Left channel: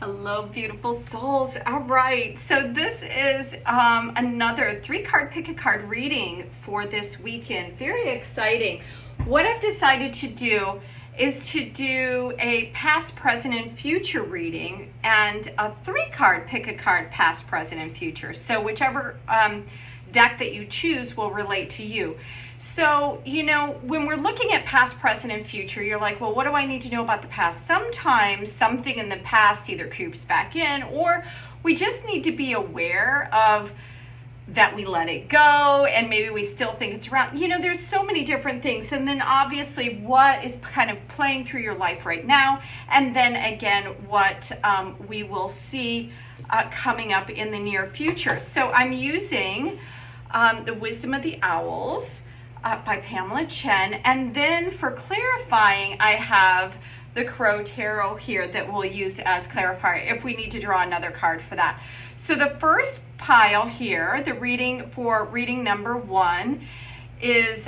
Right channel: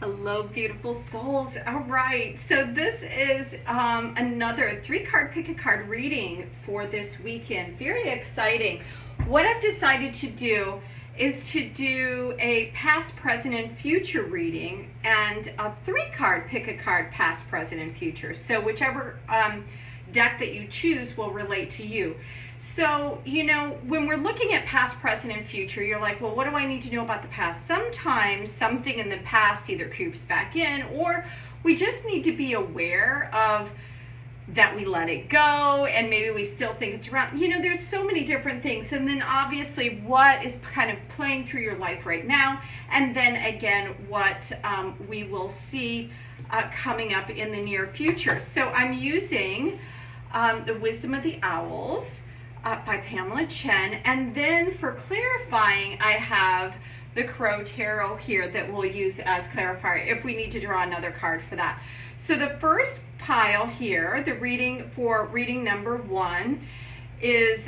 Hello, beautiful souls. All right, so this is another 3-card pick a card reading for this weekend. Very exciting. What I've decided to do is to do a past, present, and future reading and a 3-card pick a card past, present, and future. So whichever deck that you choose will relate to you. So, when we're looking at past, present, and future, you're like, well, what do I need to know about the past? Sometimes something in the past either creeps back in, or we just need to be aware of that we let it go, and maybe we still think it's around. There's so many different things. And then obviously what is kind of playing through your life right now. And then again, what we will see coming up in the near future. So I'm using The Wisdom of the Owls by Pamela Chen. And then for clarifying, I have the Crow Tarot here that we'll use as clarifier if we need to draw another card for that. So the first pile here, the reading for reading number 1 is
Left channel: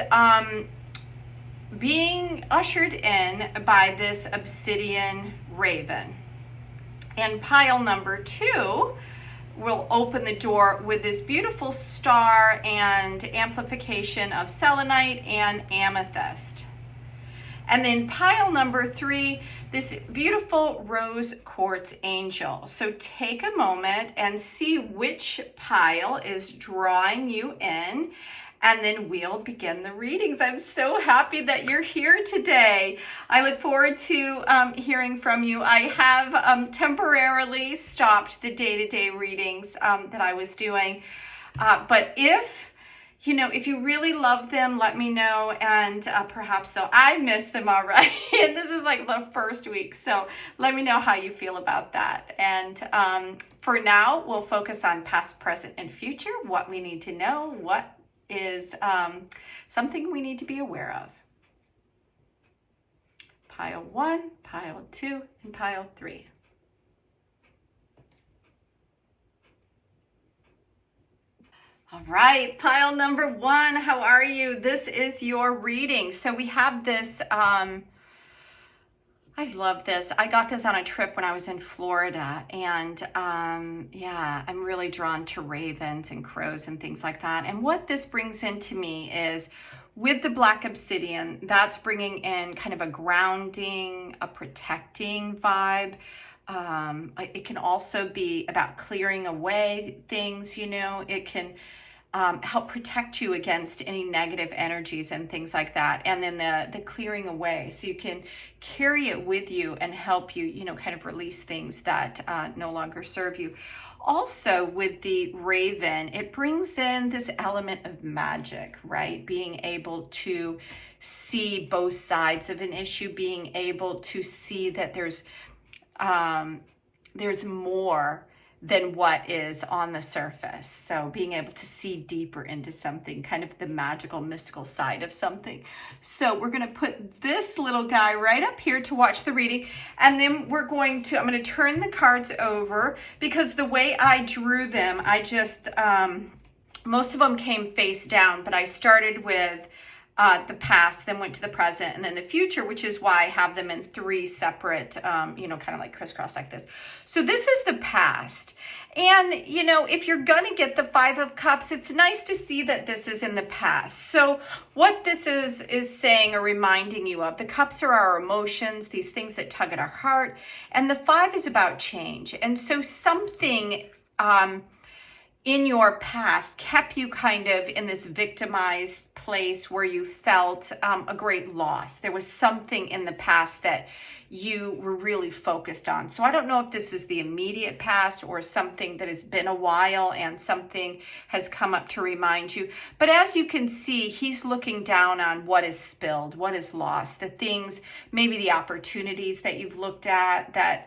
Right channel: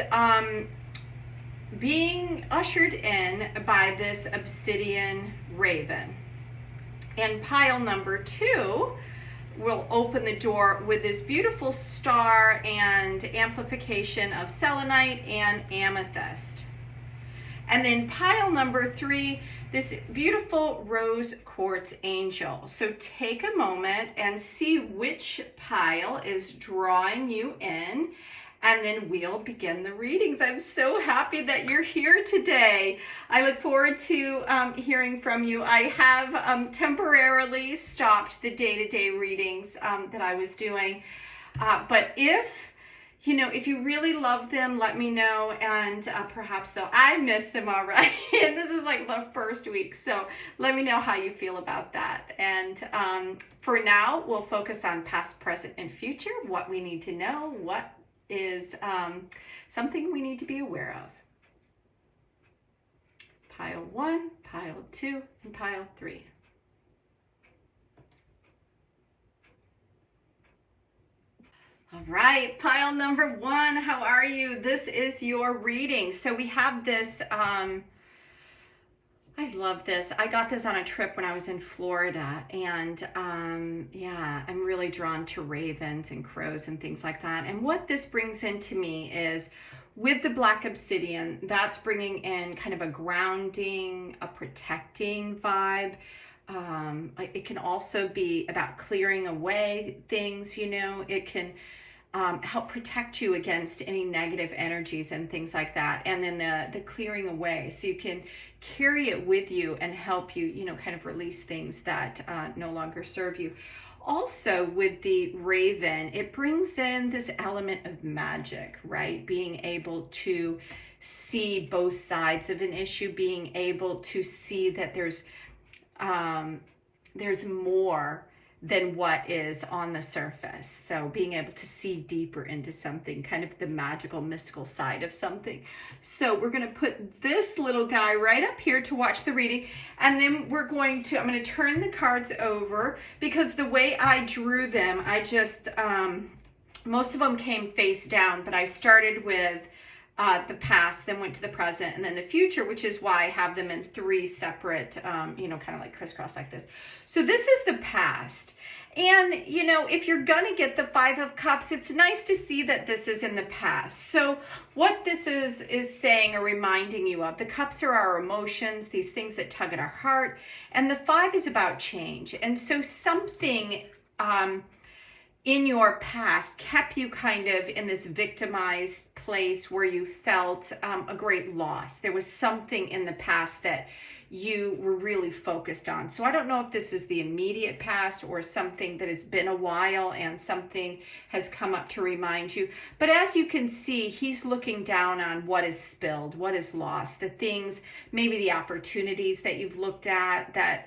being ushered in by this obsidian raven. And pile number 2 will open the door with this beautiful star and amplification of selenite and amethyst. And then pile number 3, this beautiful rose quartz angel. So take a moment and see which pile is drawing you in, and then we'll begin the readings. I'm so happy that you're here today. I look forward to hearing from you. I have temporarily stopped the day-to-day readings that I was doing. But if you really love them, let me know. And perhaps though I missed them already, and this is like the first week. So let me know how you feel about that. And for now, we'll focus on past, present, and future, what we need to know, what is something we need to be aware of. Pile 1, pile 2, and pile 3. All right, pile number 1, how are you? This is your reading. So we have this, I love this. I got this on a trip when I was in Florida, and yeah, I'm really drawn to ravens and crows and things like that. And what this brings into me is, with the black obsidian, that's bringing in kind of a grounding, a protecting vibe. It can also be about clearing away things, it can help protect you against any negative energies and things like that. And then the clearing away, so you can carry it with you and help you, kind of release things that no longer serve you. Also with the raven, it brings in this element of magic, right? Being able to see both sides of an issue, being able to see that there's more than what is on the surface. So being able to see deeper into something, kind of the magical, mystical side of something. So we're going to put this little guy right up here to watch the reading. And then I'm going to turn the cards over, because the way I drew them, I just, most of them came face down, but I started with the past, then went to the present, and then the future, which is why I have them in 3 separate, kind of like crisscross like this. So this is the past. And, if you're going to get the 5 of Cups, it's nice to see that this is in the past. So what this is saying or reminding you of, the cups are our emotions, these things that tug at our heart. And the 5 is about change. And so something in your past kept you kind of in this victimized place where you felt a great loss. There was something in the past that you were really focused on. So I don't know if this is the immediate past or something that has been a while and something has come up to remind you. But as you can see, he's looking down on what is spilled, what is lost, the things, maybe the opportunities that you've looked at that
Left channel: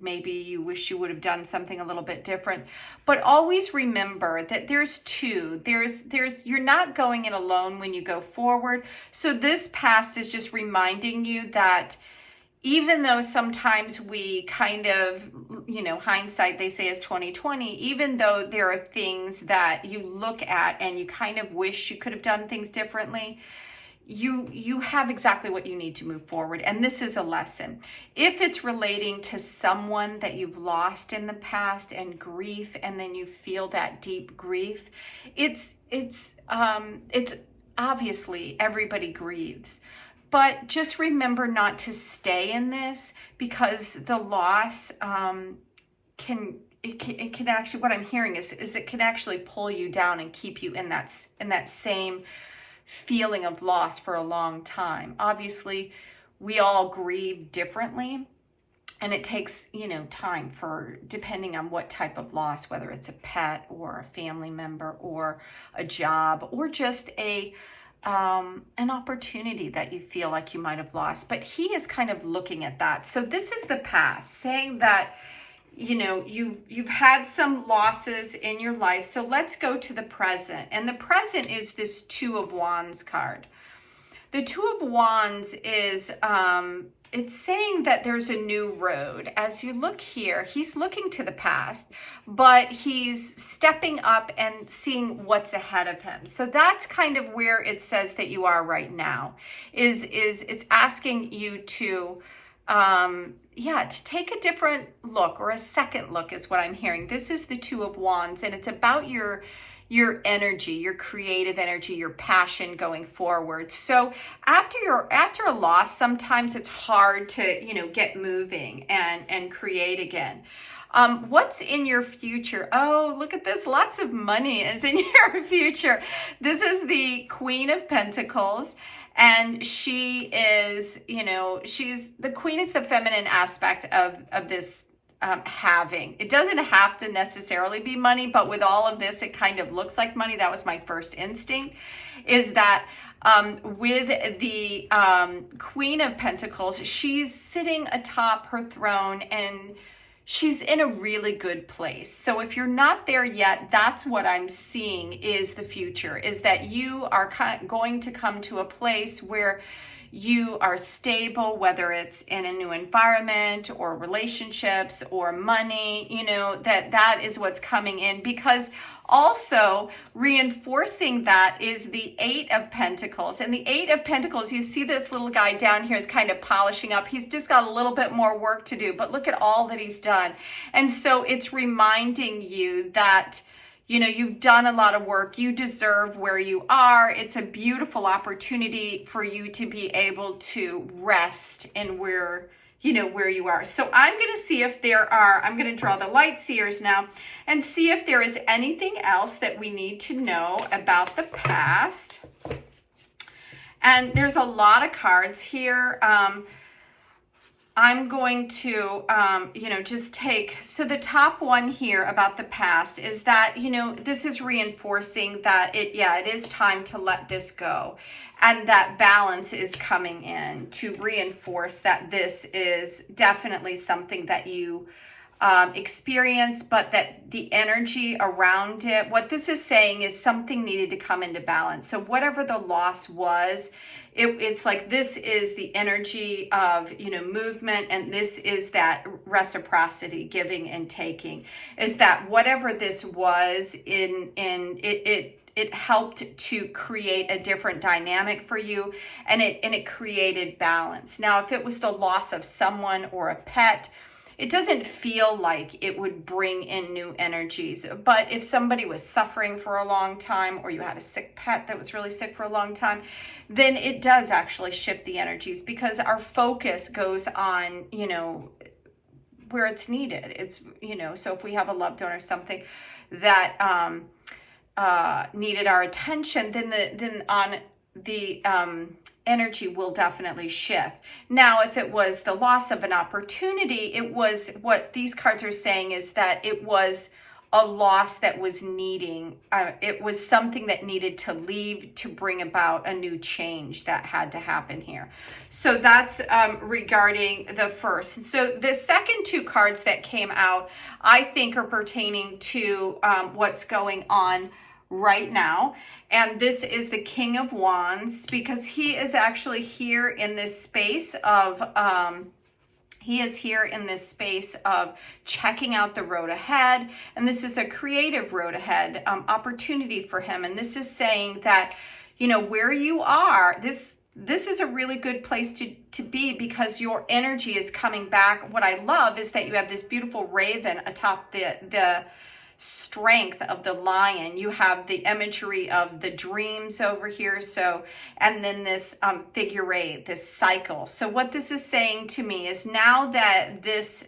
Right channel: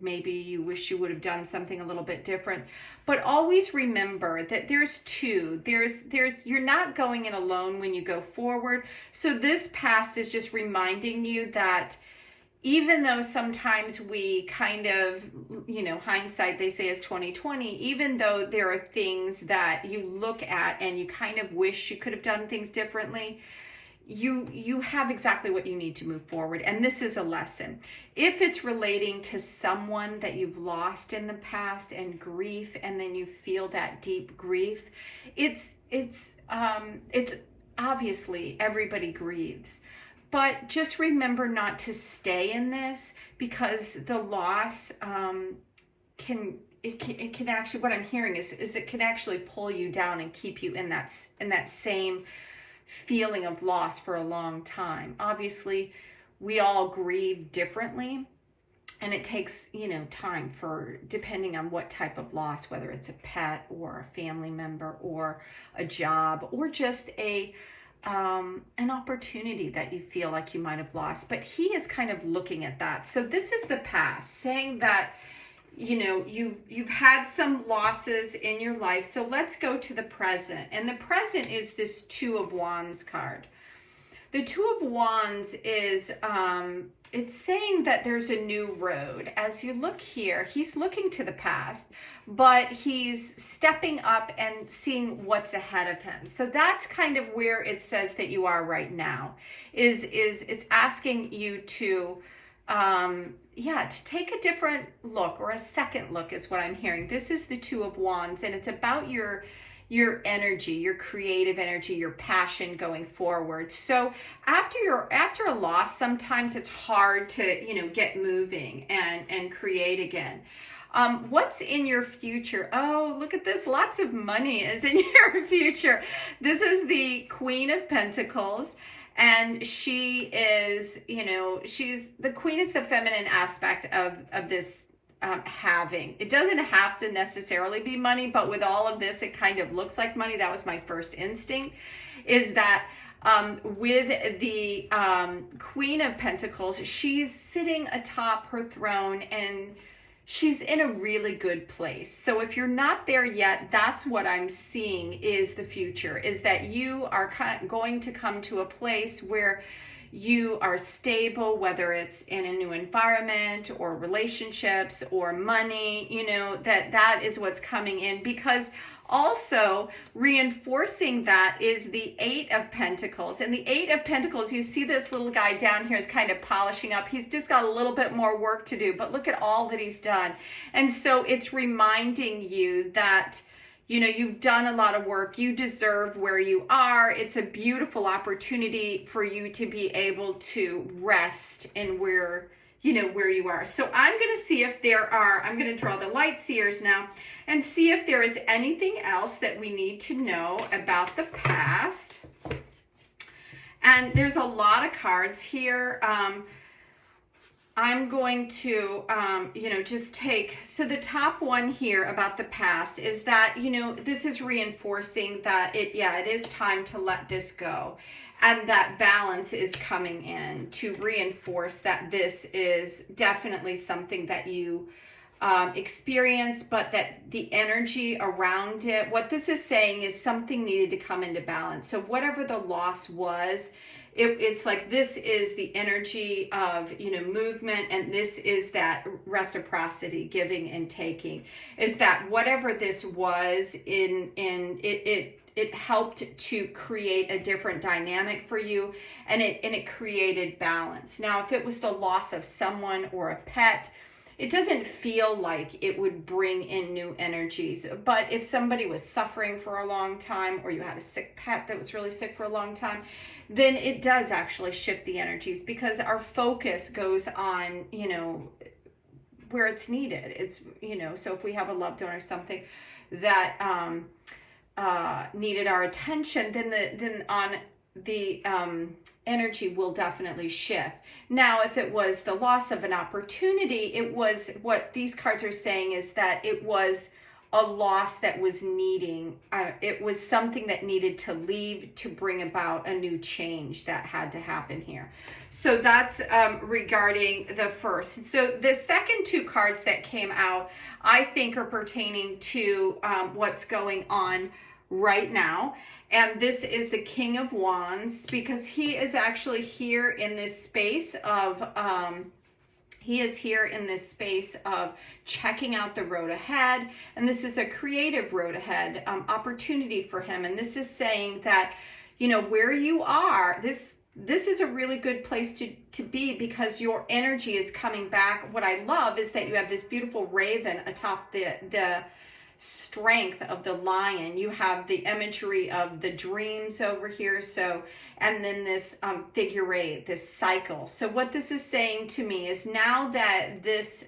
maybe you wish you would have done something a little bit different. But always remember that there's 2. You're not going it alone when you go forward. So this past is just reminding you that even though sometimes we kind of, hindsight, they say, is 20/20, even though there are things that you look at and you kind of wish you could have done things differently, you have exactly what you need to move forward. And this is a lesson. If it's relating to someone that you've lost in the past and grief, and then you feel that deep grief, it's obviously everybody grieves. But just remember not to stay in this, because the loss can actually, what I'm hearing is it can actually pull you down and keep you in that same feeling of loss for a long time. Obviously, we all grieve differently, and it takes, time for, depending on what type of loss, whether it's a pet or a family member or a job or just an opportunity that you feel like you might have lost. But he is kind of looking at that. So this is the past, saying that you've had some losses in your life. So let's go to the present. And the present is this Two of Wands card. The Two of Wands is, it's saying that there's a new road. As you look here, he's looking to the past, but he's stepping up and seeing what's ahead of him. So that's kind of where it says that you are right now, is it's asking you to, to take a different look, or a second look is what I'm hearing. This is the Two of Wands, and it's about your energy, your creative energy, your passion going forward. So after a loss, sometimes it's hard to, get moving and create again. What's in your future? Oh, look at this. Lots of money is in your future. This is the Queen of Pentacles. And she is, the Queen is the feminine aspect of this having. It doesn't have to necessarily be money, but with all of this, it kind of looks like money. That was my first instinct, is that with the Queen of Pentacles, she's sitting atop her throne, and she's in a really good place. So if you're not there yet, that's what I'm seeing is the future, is that you are going to come to a place where you are stable, whether it's in a new environment or relationships or money, that is what's coming in. Because also reinforcing that is the Eight of Pentacles. And the Eight of Pentacles, you see this little guy down here is kind of polishing up. He's just got a little bit more work to do, but look at all that he's done. And so it's reminding you that, you've done a lot of work. You deserve where you are. It's a beautiful opportunity for you to be able to rest in where you are. So I'm going to see if I'm going to draw the light seers now and see if there is anything else that we need to know about the past. And there's a lot of cards here. I'm going to, just take, so the top one here about the past is that, this is reinforcing that it is time to let this go. And that balance is coming in to reinforce that this is definitely something that you experience, but that the energy around it, what this is saying is something needed to come into balance. So whatever the loss was, it's like this is the energy of movement, and this is that reciprocity, giving and taking, is that whatever this was it helped to create a different dynamic for you, and it created balance. Now if it was the loss of someone or a pet, it doesn't feel like it would bring in new energies. But if somebody was suffering for a long time, or you had a sick pet that was really sick for a long time, then it does actually shift the energies, because our focus goes on, where it's needed. It's, so if we have a loved one or something that needed our attention, then on the energy will definitely shift. Now, if it was the loss of an opportunity, it was, what these cards are saying is that it was a loss that was needing, it was something that needed to leave to bring about a new change that had to happen here. So that's regarding the first. So the second two cards that came out, I think are pertaining to what's going on right now. And this is the King of Wands, because he is actually here in this space of, checking out the road ahead. And this is a creative road ahead opportunity for him. And this is saying that, where you are, this this is a really good place to be, because your energy is coming back. What I love is that you have this beautiful raven atop the strength of the lion. You have the imagery of the dreams over here. So, and then this figure eight, this cycle. So what this is saying to me is, now that this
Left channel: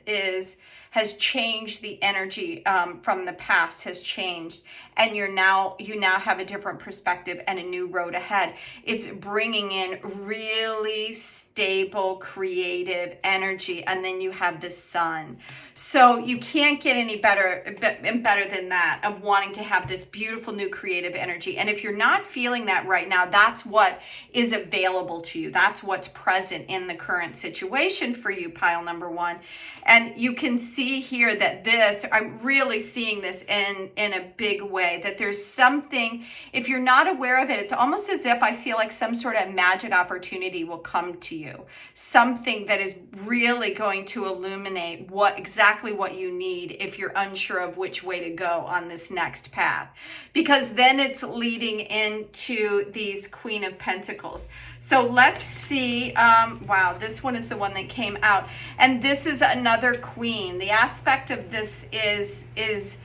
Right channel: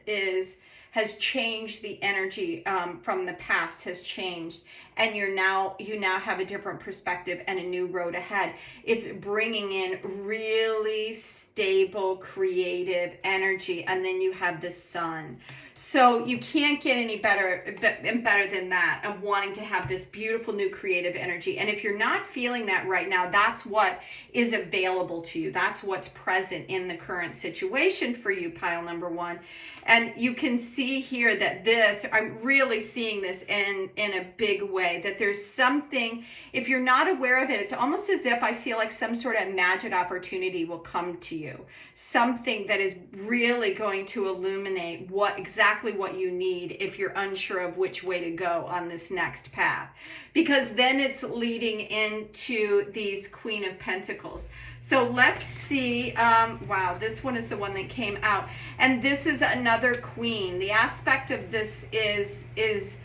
has changed, the energy from the past has changed, and you now have a different perspective and a new road ahead. It's bringing in really stable, creative energy, and then you have the sun. So you can't get any better than that, of wanting to have this beautiful new creative energy. And if you're not feeling that right now, that's what is available to you. That's what's present in the current situation for you, pile number one. And you can see here that this, I'm really seeing this in a big way, that there's something, if you're not aware of it, it's almost as if I feel like some sort of magic opportunity will come to you. Something that is really going to illuminate exactly what you need if you're unsure of which way to go on this next path. Because then it's leading into these Queen of Pentacles. So let's see, wow, this one is the one that came out. And this is another queen. The aspect of this is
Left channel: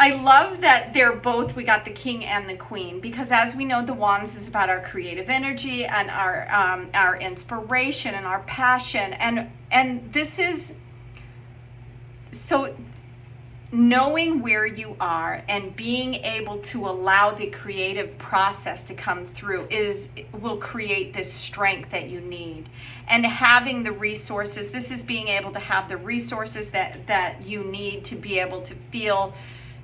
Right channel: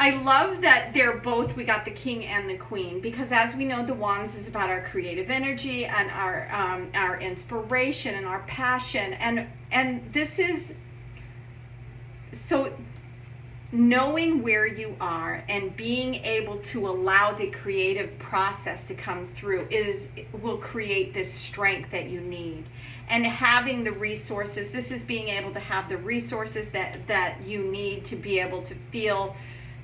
I love that they're both, we got the king and the queen, because as we know, the wands is about our creative energy and our inspiration and our passion. And this is, so knowing where you are and being able to allow the creative process to come through will create this strength that you need. And having the resources, this is being able to have the resources that you need to be able to feel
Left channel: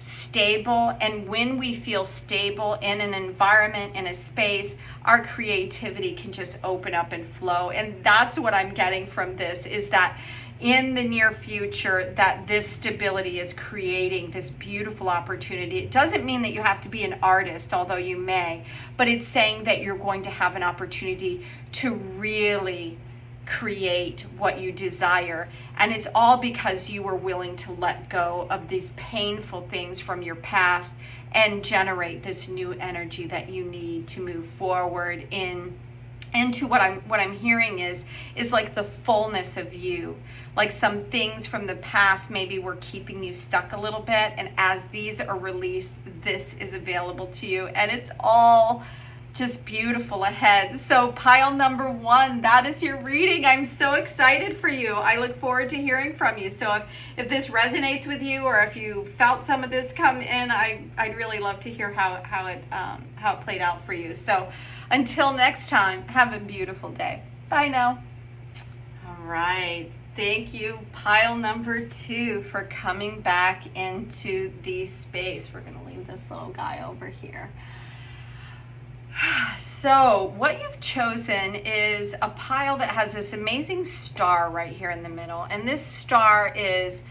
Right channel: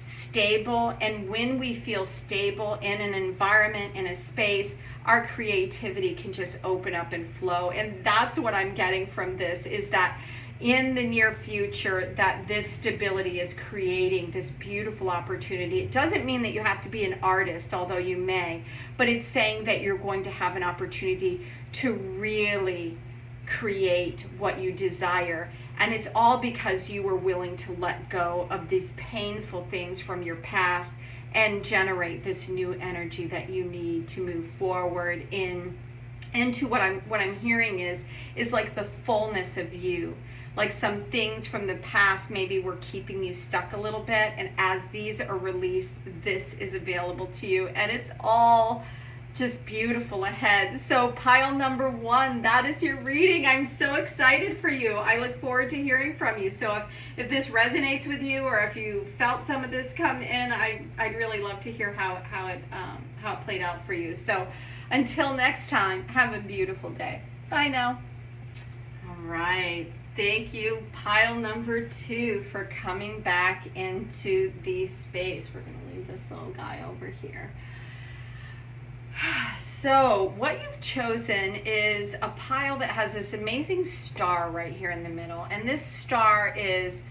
stable. And when we feel stable in an environment, in a space, our creativity can just open up and flow. And that's what I'm getting from this, is that in the near future, that this stability is creating this beautiful opportunity. It doesn't mean that you have to be an artist, although you may, but it's saying that you're going to have an opportunity to really create what you desire. And it's all because you were willing to let go of these painful things from your past and generate this new energy that you need to move forward into what I'm hearing is like the fullness of you. Like some things from the past maybe were keeping you stuck a little bit, and as these are released, this is available to you, and it's all just beautiful ahead. So pile number one, that is your reading. I'm so excited for you. I look forward to hearing from you. So if this resonates with you, or if you felt some of this come in, I'd really love to hear how it played out for you. So until next time, have a beautiful day. Bye now. All right. Thank you, pile number two, for coming back into the space. We're going to leave this little guy over here. So what you've chosen is a pile that has this amazing star right here in the middle. And this star is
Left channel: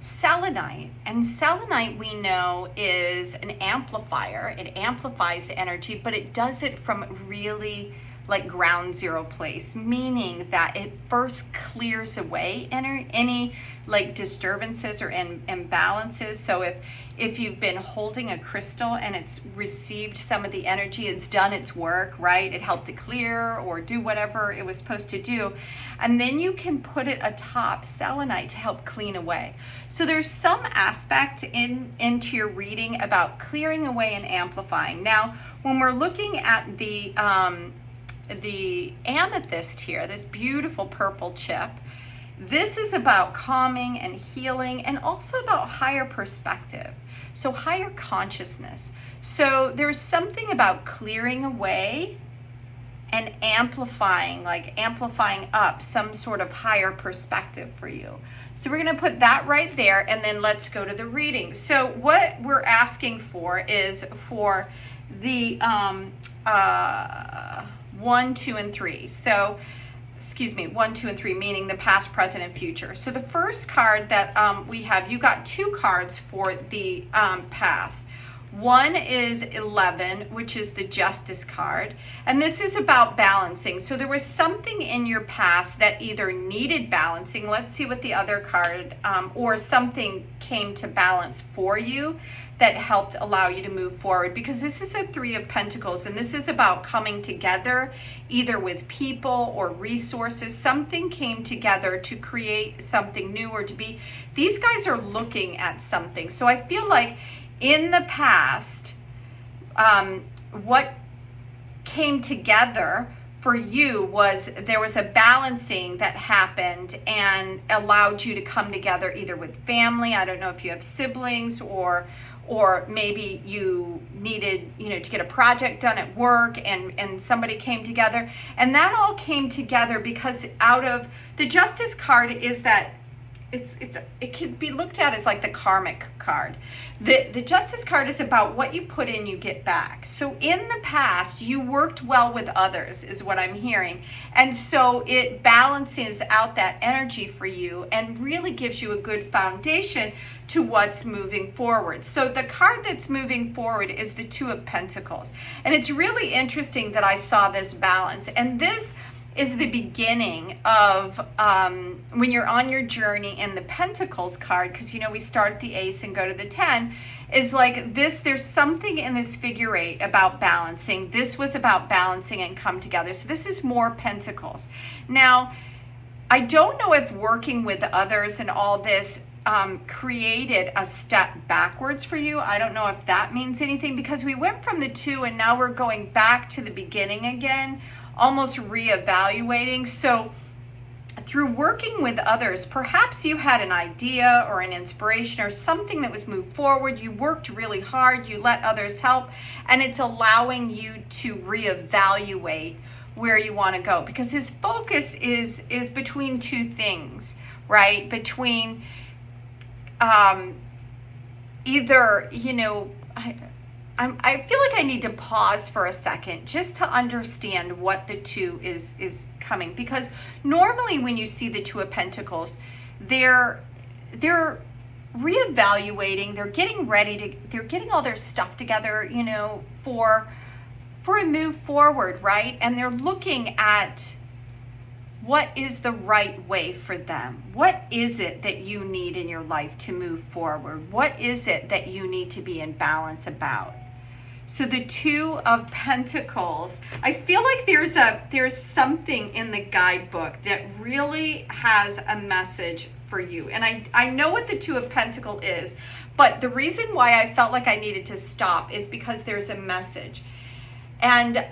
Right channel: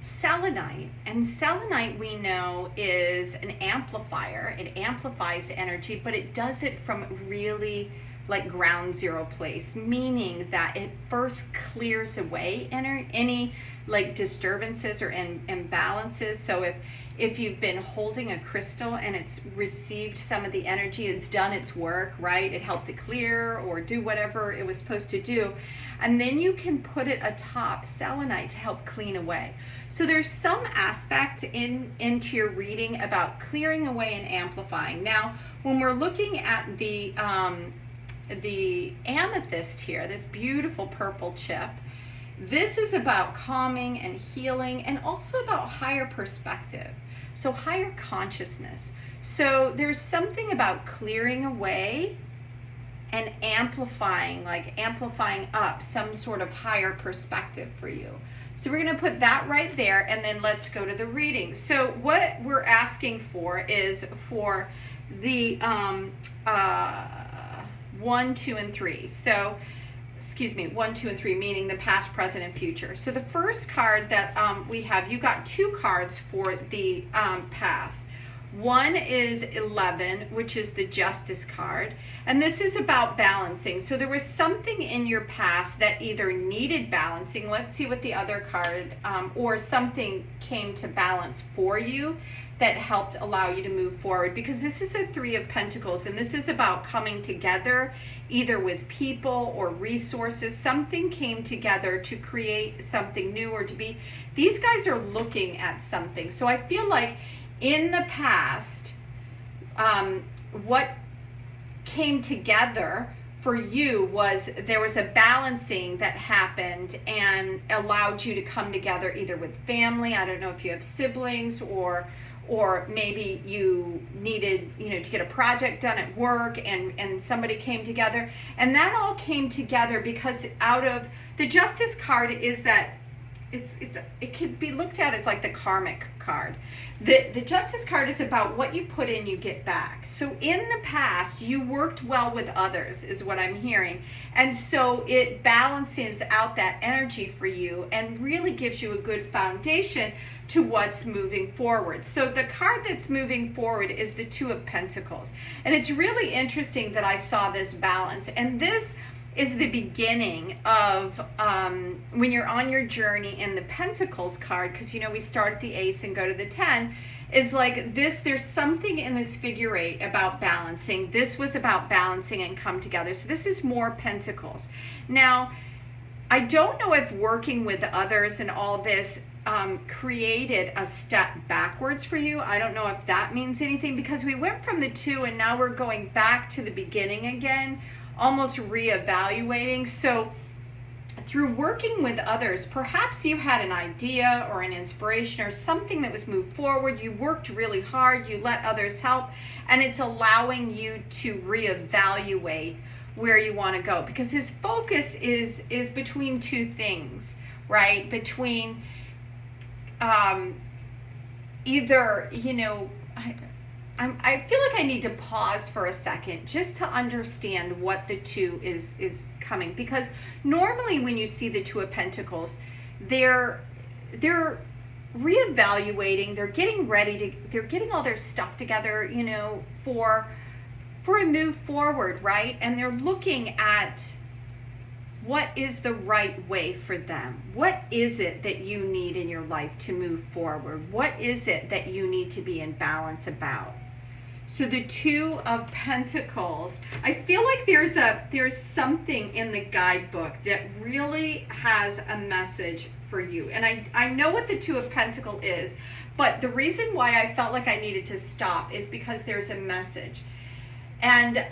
selenite. And selenite, we know, is an amplifier. It amplifies energy, but it does it from really like ground zero place, meaning that it first clears away any like disturbances or imbalances. So if you've been holding a crystal and it's received some of the energy, it's done its work, right? It helped to clear or do whatever it was supposed to do. And then you can put it atop selenite to help clean away. So there's some aspect into your reading about clearing away and amplifying. Now, when we're looking at the amethyst here, this beautiful purple chip, this is about calming and healing, and also about higher perspective, so higher consciousness. So there's something about clearing away and amplifying, like amplifying up some sort of higher perspective for you. So we're going to put that right there, and then let's go to the reading. So what we're asking for is for the 1, 2, and 3. So, excuse me, 1, 2, and 3, meaning the past, present, and future. So the first card that we have, you got two cards for the past. One is 11, which is the Justice card. And this is about balancing. So there was something in your past that either needed balancing. Let's see what the other card, or something came to balance for you that helped allow you to move forward, because this is a 3 of Pentacles, and this is about coming together either with people or resources. Something came together to create something new, or to be, these guys are looking at something. So I feel like in the past, what came together for you was there was a balancing that happened and allowed you to come together either with family. I don't know if you have siblings, or maybe you needed, to get a project done at work, and somebody came together, and that all came together because out of the Justice card is that it can be looked at as like the karmic card. The Justice card is about what you put in, you get back. So in the past, you worked well with others, is what I'm hearing. And so it balances out that energy for you and really gives you a good foundation to what's moving forward. So the card that's moving forward is the 2 of Pentacles. And it's really interesting that I saw this balance. And this is the beginning of when you're on your journey in the Pentacles card, because we start at the Ace and go to the 10, is like this, there's something in this figure 8 about balancing. This was about balancing and come together. So this is more Pentacles. Now, I don't know if working with others and all this created a step backwards for you. I don't know if that means anything, because we went from the 2 and now we're going back to the beginning again, almost reevaluating. So through working with others, perhaps you had an idea or an inspiration or something that was moved forward. You worked really hard, you let others help, and it's allowing you to reevaluate where you want to go, because his focus is between 2 things, right? Between either, I feel like I need to pause for a second just to understand what the 2 is coming, because normally when you see the 2 of Pentacles, they're reevaluating, they're getting ready they're getting all their stuff together, for a move forward, right? And they're looking at what is the right way for them. What is it that you need in your life to move forward? What is it that you need to be in balance about? So the 2 of Pentacles, I feel like there's something in the guidebook that really has a message for you. And I know what the 2 of Pentacles is, but the reason why I felt like I needed to stop is because there's a message. And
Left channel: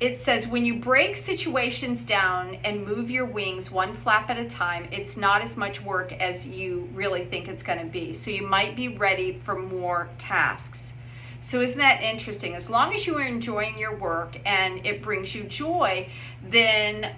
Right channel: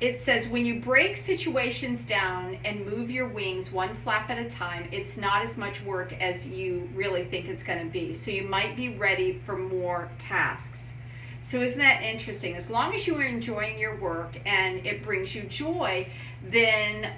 it says, when you break situations down and move your wings one flap at a time, it's not as much work as you really think it's going to be. So you might be ready for more tasks. So isn't that interesting? As long as you are enjoying your work and it brings you joy, then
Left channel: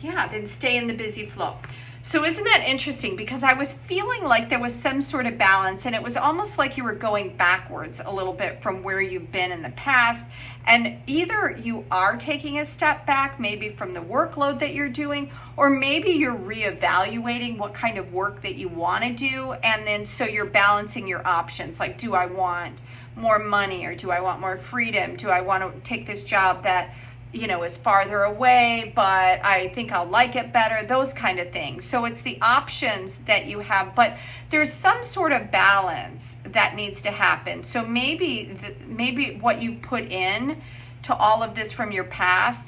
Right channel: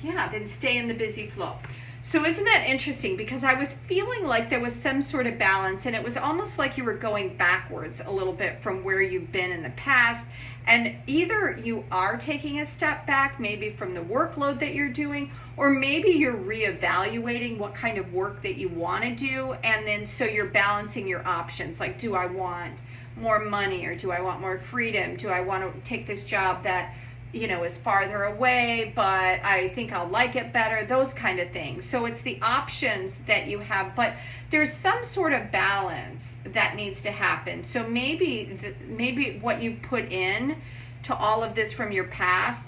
then stay in the busy flow. So isn't that interesting? Because I was feeling like there was some sort of balance, and it was almost like you were going backwards a little bit from where you've been in the past. And either you are taking a step back, maybe from the workload that you're doing, or maybe you're reevaluating what kind of work that you want to do. And then so you're balancing your options. Like, do I want more money, or do I want more freedom? Do I want to take this job that is farther away, but I think I'll like it better, those kind of things. So it's the options that you have, but there's some sort of balance that needs to happen. So maybe what you put in to all of this from your past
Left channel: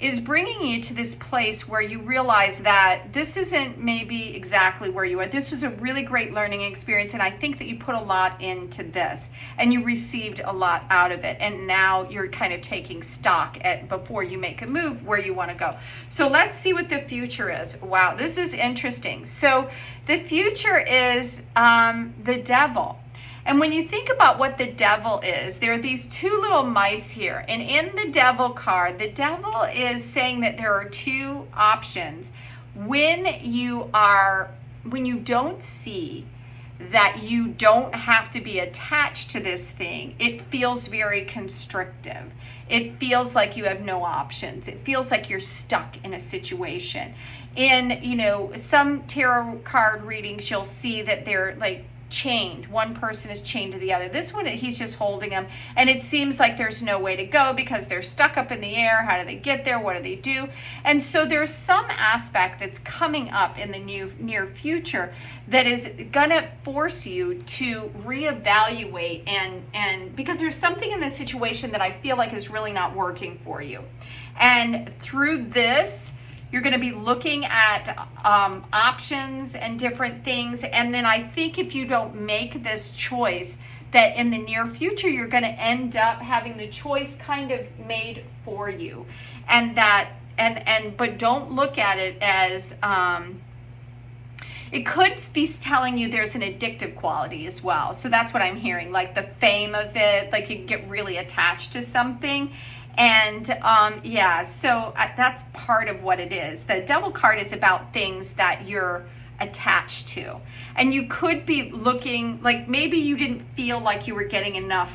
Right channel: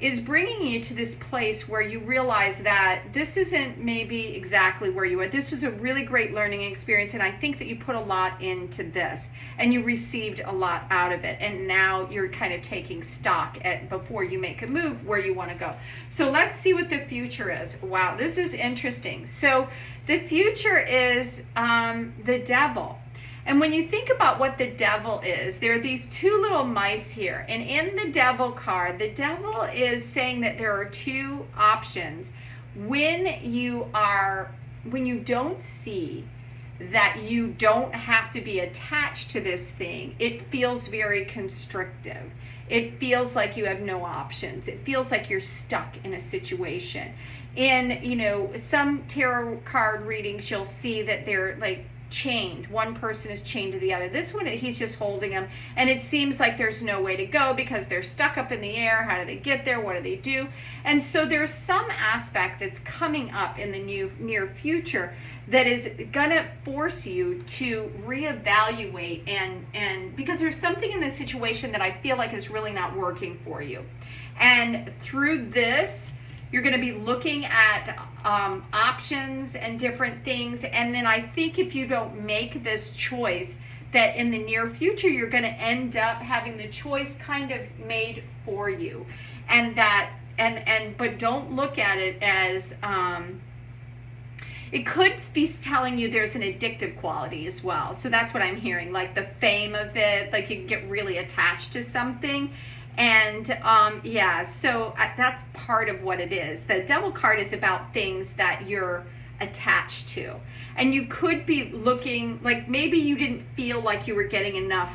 is bringing you to this place where you realize that this isn't maybe exactly where you are. This was a really great learning experience, and I think that you put a lot into this and you received a lot out of it, and now you're kind of taking stock before you make a move where you want to go. So let's see what the future is. Wow, this is interesting. So the future is the Devil. And when you think about what the Devil is, there are these 2 little mice here. And in the Devil card, the Devil is saying that there are 2 options. When you don't see that you don't have to be attached to this thing, it feels very constrictive. It feels like you have no options. It feels like you're stuck in a situation. In, some tarot card readings, you'll see that they're like chained. One person is chained to the other. This one, he's just holding them, and it seems like there's no way to go because they're stuck up in the air. How do they get there? What do they do? And so there's some aspect that's coming up in the near future that is gonna force you to reevaluate, and because there's something in this situation that I feel like is really not working for you. And through this, you're going to be looking at options and different things. And then I think if you don't make this choice, that in the near future, you're going to end up having the choice kind of made for you. And that, but don't look at it as, it could be telling you there's an addictive quality as well. So that's what I'm hearing, like the fame of it, like you can get really attached to something. And yeah, so that's part of what it is. The Devil card is about things that you're attached to. And you could be looking, like maybe you didn't feel like you were getting enough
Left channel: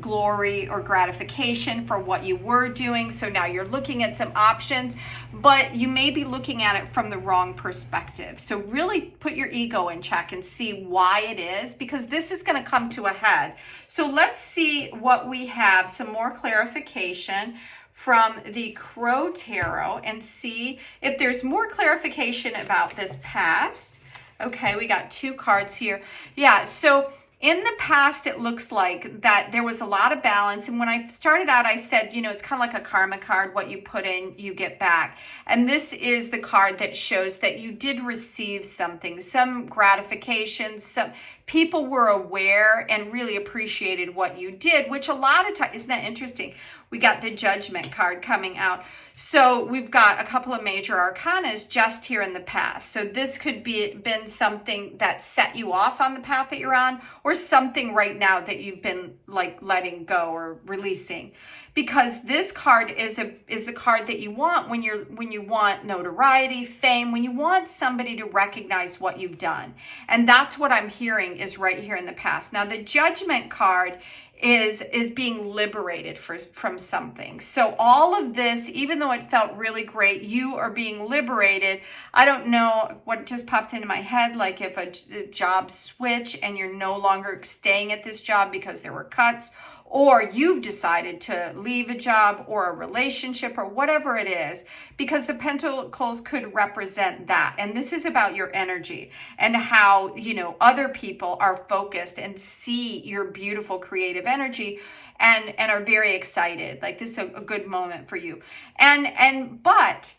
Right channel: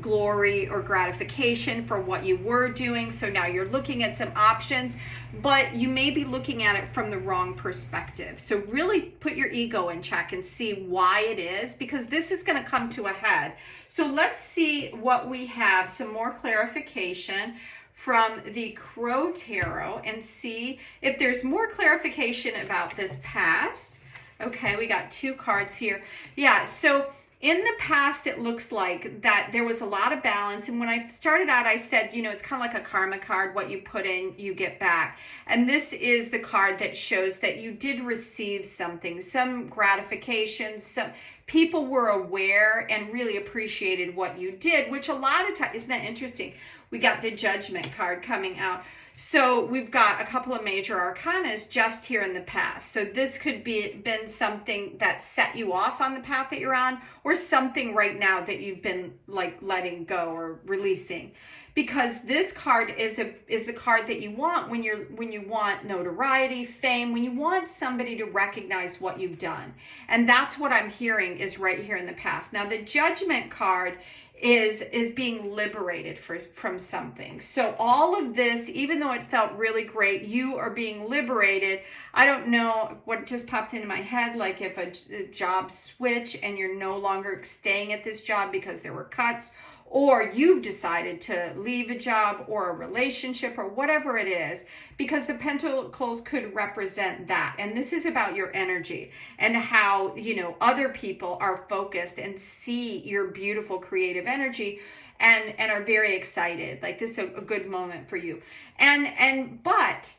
glory or gratification for what you were doing. So now you're looking at some options, but you may be looking at it from the wrong perspective. So really put your ego in check and see why it is, because this is going to come to a head. So let's see what we have, some more clarification from the Crow Tarot, and see if there's more clarification about this past. Okay, we got 2 cards here. Yeah, so in the past, it looks like that there was a lot of balance. And when I started out, I said, you know, it's kind of like a karma card. What you put in, you get back. And this is the card that shows that you did receive something, some gratification. Some people were aware and really appreciated what you did, which a lot of times, isn't that interesting? We got the Judgment card coming out. So we've got a couple of major arcanas just here in the past. So this could be been something that set you off on the path that you're on, or something right now that you've been like letting go or releasing. Because this card is the card that you want when you want notoriety, fame, when you want somebody to recognize what you've done. And that's what I'm hearing is right here in the past. Now the Judgment card is being liberated from something. So all of this, even though it felt really great, you are being liberated. I don't know what just popped into my head, like if a job switch and you're no longer staying at this job because there were cuts, or you've decided to leave a job or a relationship or whatever it is, because the Pentacles could represent that. And this is about your energy and how, you know, other people are focused and see your beautiful creative energy and are very excited. Like this is a good moment for you. But,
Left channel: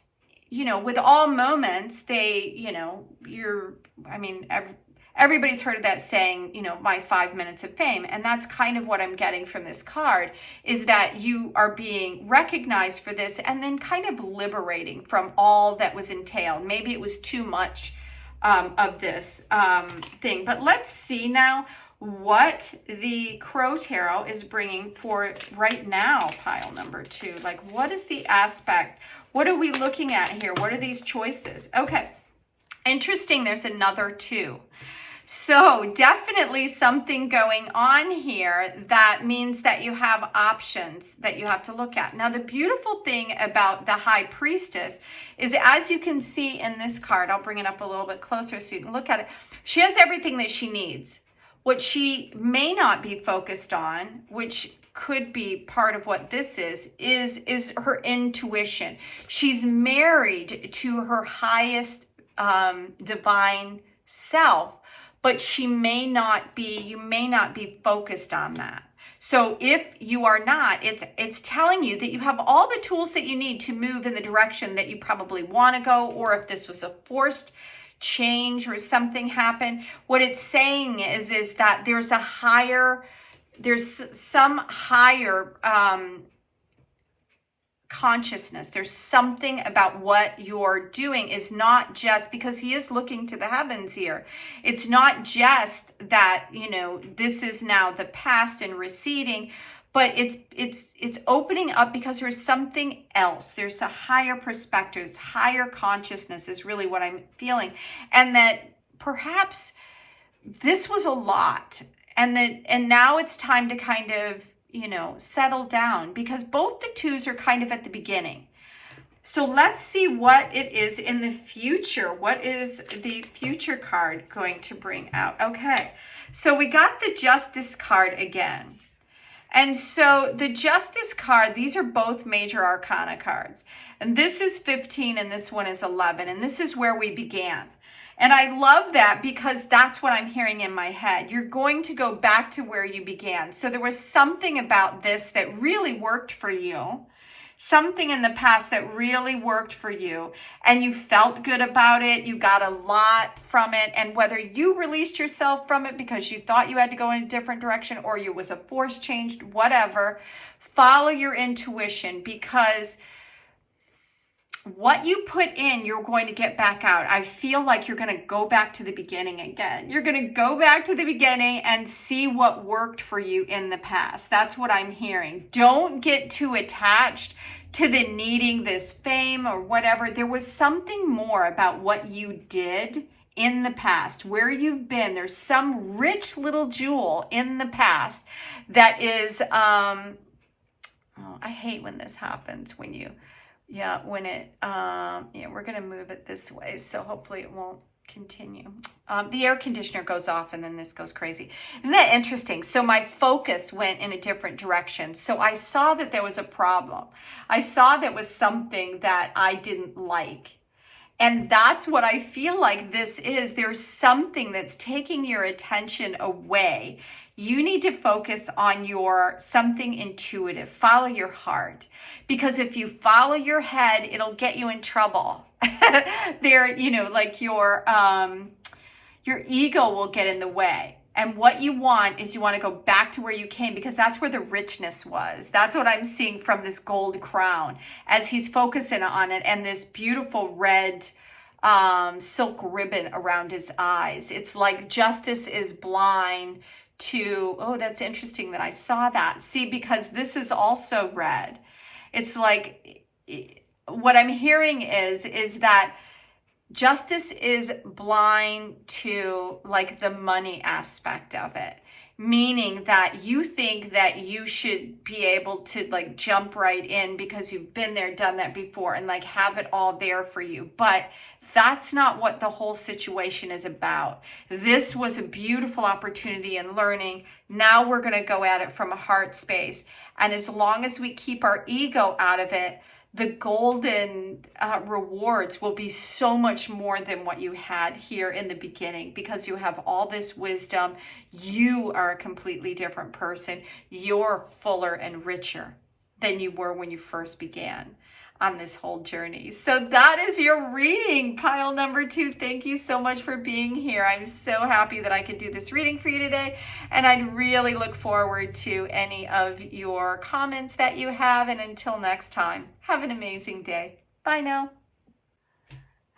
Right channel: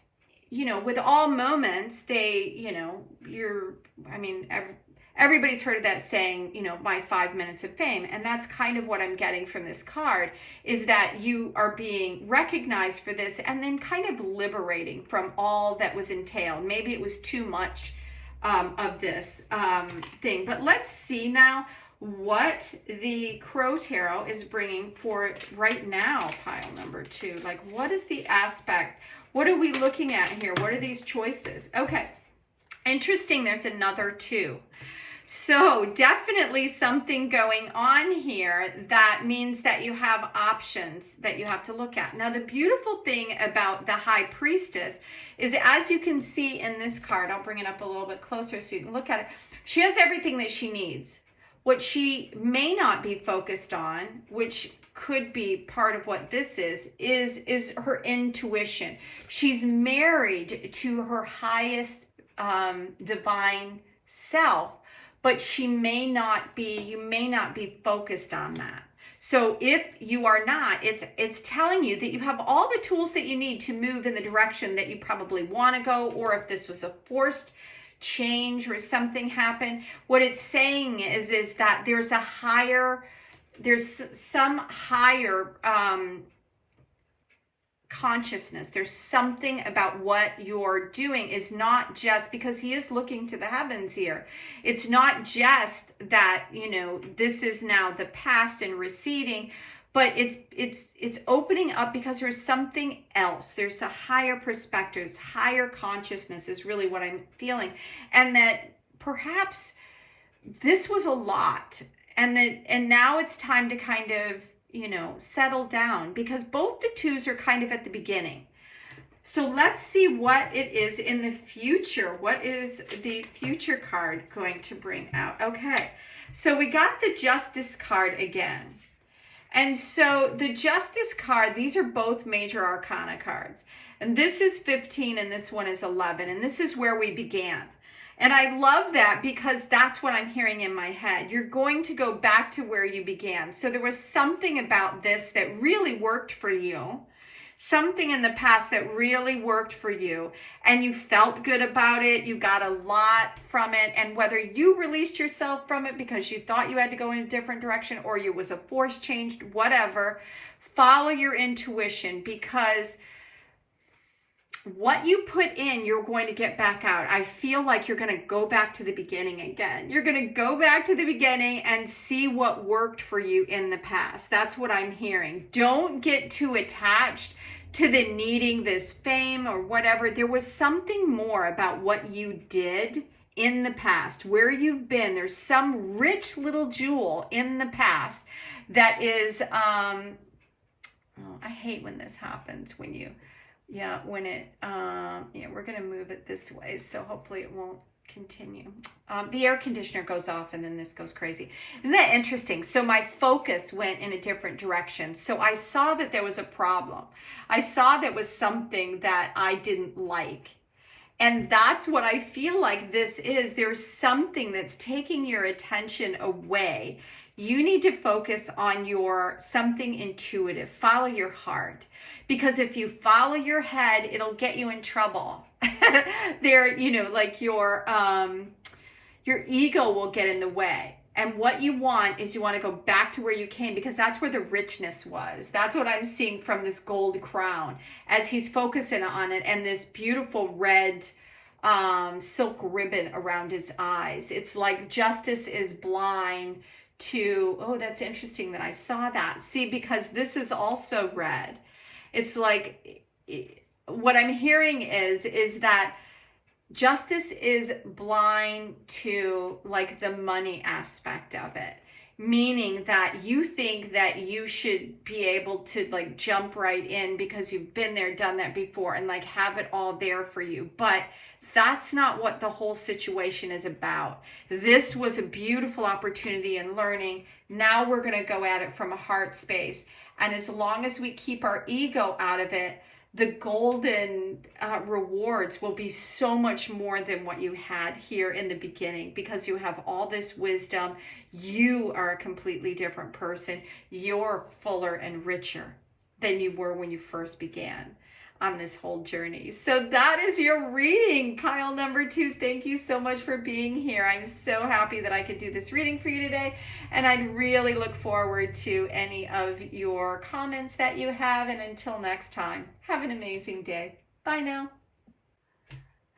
you know, with all moments, they, you know, everybody's heard of that saying, you know, my 5 minutes of fame. And that's kind of what I'm getting from this card, is that you are being recognized for this and then kind of liberating from all that was entailed. Maybe it was too much of this thing. But let's see now what the Crow Tarot is bringing for right now, pile number 2. Like, what is the aspect? What are we looking at here? What are these choices? Okay, interesting. There's another 2. So definitely something going on here that means that you have options that you have to look at. Now, the beautiful thing about the High Priestess is, as you can see in this card, I'll bring it up a little bit closer so you can look at it. She has everything that she needs. What she may not be focused on, which could be part of what this is her intuition. She's married to her highest divine self, but you may not be focused on that. So if you are not, it's telling you that you have all the tools that you need to move in the direction that you probably want to go, or if this was a forced change or something happened, what it's saying is that there's some higher consciousness. There's something about what you're doing is not just because he is looking to the heavens here. It's not just that, you know, this is now the past and receding, but it's opening up because there's something else. There's a higher perspective, higher consciousness is really what I'm feeling. And that perhaps this was a lot, and now it's time to kind of, you know, settle down, because both the 2s are kind of at the beginning. So let's see what it is in the future. What is the future card going to bring out? Okay, so we got the Justice card again. And so the Justice card, these are both major arcana cards. And this is 15 and this one is 11. And this is where we began. And I love that because that's what I'm hearing in my head. You're going to go back to where you began. So there was something about this that really worked for you. Something in the past that really worked for you and you felt good about it. You got a lot from it. And whether you released yourself from it because you thought you had to go in a different direction or you was a force changed, whatever, follow your intuition, because what you put in, you're going to get back out. I feel like you're going to go back to the beginning again. You're going to go back to the beginning and see what worked for you in the past. That's what I'm hearing. Don't get too attached to the needing this fame or whatever. There was something more about what you did in the past, where you've been. There's some rich little jewel in the past that is, I hate when this happens, when you, when it, we're going to move it this way. So hopefully it won't continue. The air conditioner goes off and then this goes crazy. Isn't that interesting? So my focus went in a different direction. So I saw that there was a problem. I saw there was something that I didn't like. And that's what I feel like this is. There's something that's taking your attention away. You need to focus on your something intuitive. Follow your heart. Because if you follow your head, it'll get you in trouble. There, like your ego will get in the way. And what you want is you want to go back to where you came, because that's where the richness was. That's what I'm seeing from this gold crown as he's focusing on it, and this beautiful red silk ribbon around his eyes. It's like justice is blind to, oh, that's interesting that I saw that. See, because this is also red. It's like, what I'm hearing is that justice is blind to like the money aspect of it, meaning that you think that you should be able to like jump right in because you've been there, done that before, and like have it all there for you. But that's not what the whole situation is about. This was a beautiful opportunity and learning. Now we're going to go at it from a heart space. And as long as we keep our ego out of it, the golden rewards will be so much more than what you had here in the beginning, because you have all this wisdom. You are a completely different person. You're fuller and richer than you were when you first began on this whole journey. So that is your reading, pile number 2. Thank you so much for being here. I'm so happy that I could do this reading for you today, and I'd really look forward to any of your comments that you have. And until next time, have an amazing day. Bye now.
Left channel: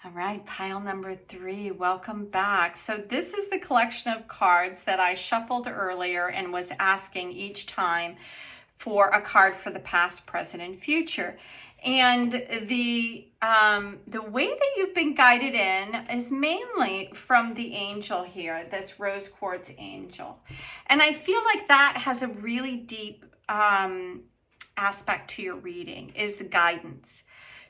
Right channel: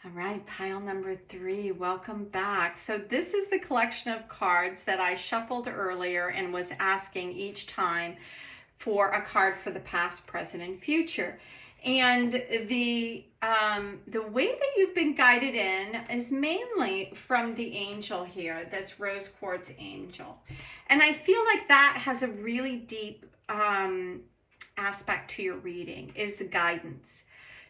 All right, pile number 3, welcome back. So this is the collection of cards that I shuffled earlier and was asking each time for a card for the past, present, and future. And the way that you've been guided in is mainly from the angel here, this rose quartz angel. And I feel like that has a really deep aspect to your reading, is the guidance.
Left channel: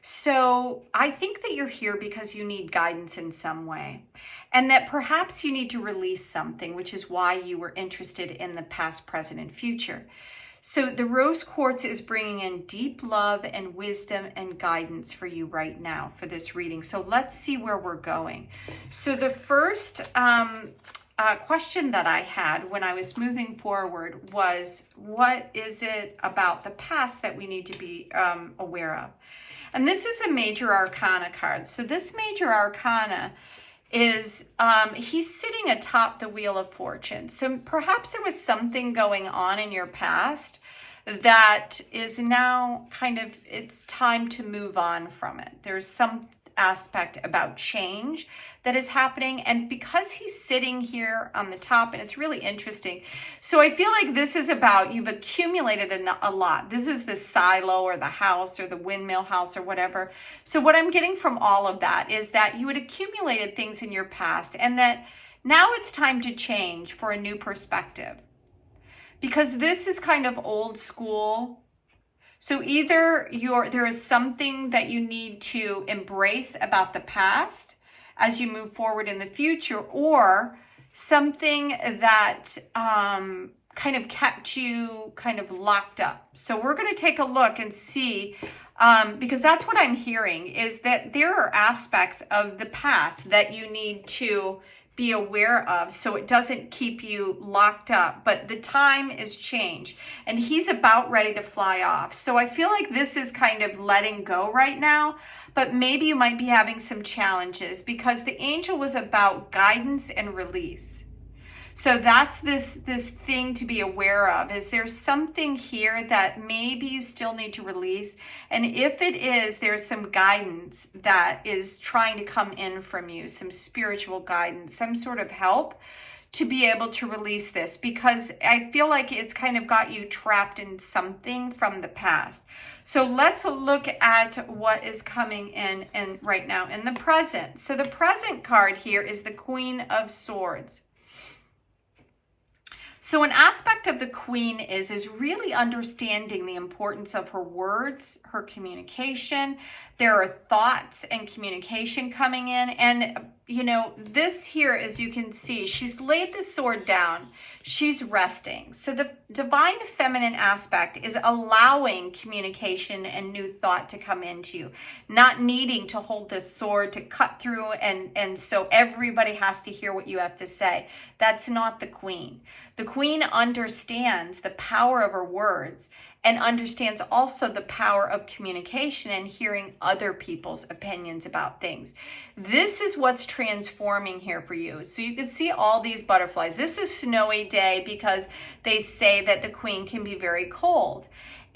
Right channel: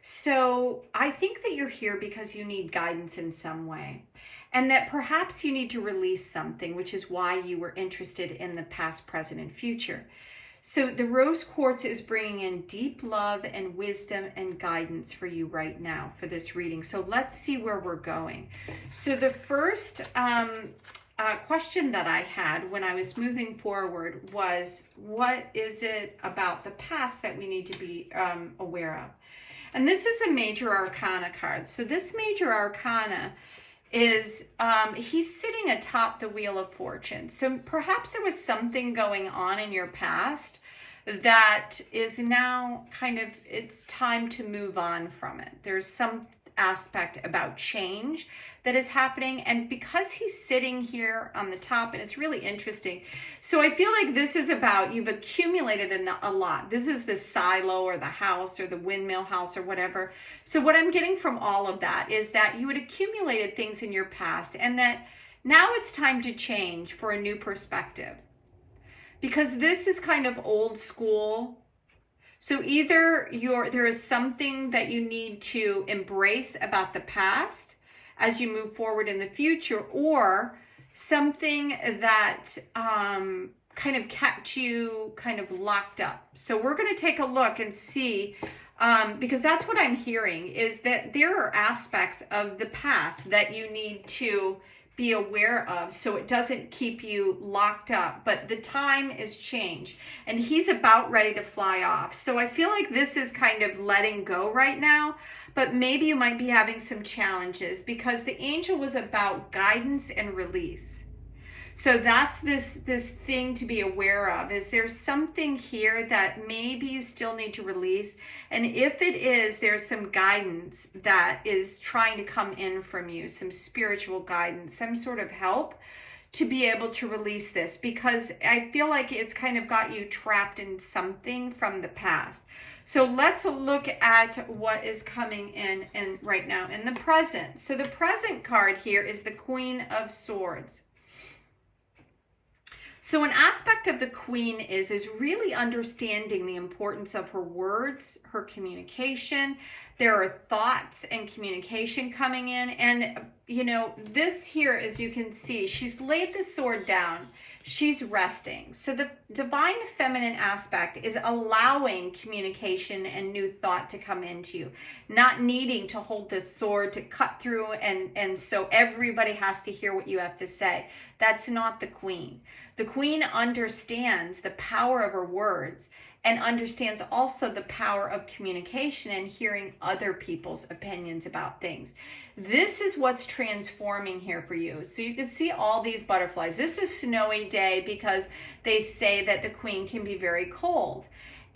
So I think that you're here because you need guidance in some way, and that perhaps you need to release something, which is why you were interested in the past, present, and future. So the rose quartz is bringing in deep love and wisdom and guidance for you right now for this reading. So let's see where we're going. So the first question that I had when I was moving forward was, what is it about the past that we need to be aware of? And this is a major arcana card. So this major arcana is, he's sitting atop the Wheel of Fortune. So perhaps there was something going on in your past that is now kind of, it's time to move on from it. There's some aspect about change that is happening, and because he's sitting here on the top, and it's really interesting. So I feel like this is about, you've accumulated a lot. This is the silo or the house or the windmill house or whatever. So what I'm getting from all of that is that you had accumulated things in your past, and that now it's time to change for a new perspective, because this is kind of old school. So either there is something that you need to embrace about the past as you move forward in the future, or something that kind of kept you kind of locked up. So we're going to take a look and see, because that's what I'm hearing, is that there are aspects of the past that you need to be aware of so it doesn't keep you locked up. But the time is changed and he's about ready to fly off. So I feel like this is kind of letting go right now, but maybe you might be having some challenges because the angel was about guidance and release. So that's this thing to be aware of. Is there something here that maybe you still need to release? And if it is, there's some guidance that is trying to come in from you, some spiritual guidance, some sort of help to be able to release this, because I feel like it's kind of got you trapped in something from the past. So let's look at what is coming in right now in the present. So the present card here is the Queen of Swords. So an aspect of the Queen is really understanding the importance of her words, her communication. There are thoughts and communication coming in. And, you know, this here, as you can see, she's laid the sword down. She's resting. So the divine feminine aspect is allowing communication and new thought to come into you, not needing to hold this sword to cut through and so everybody has to hear what you have to say. That's not the Queen. The Queen understands the power of her words and understands also the power of communication and hearing other people's opinions about things. This is what's transforming here for you. So you can see all these butterflies. This is snowy day because they say that the Queen can be very cold.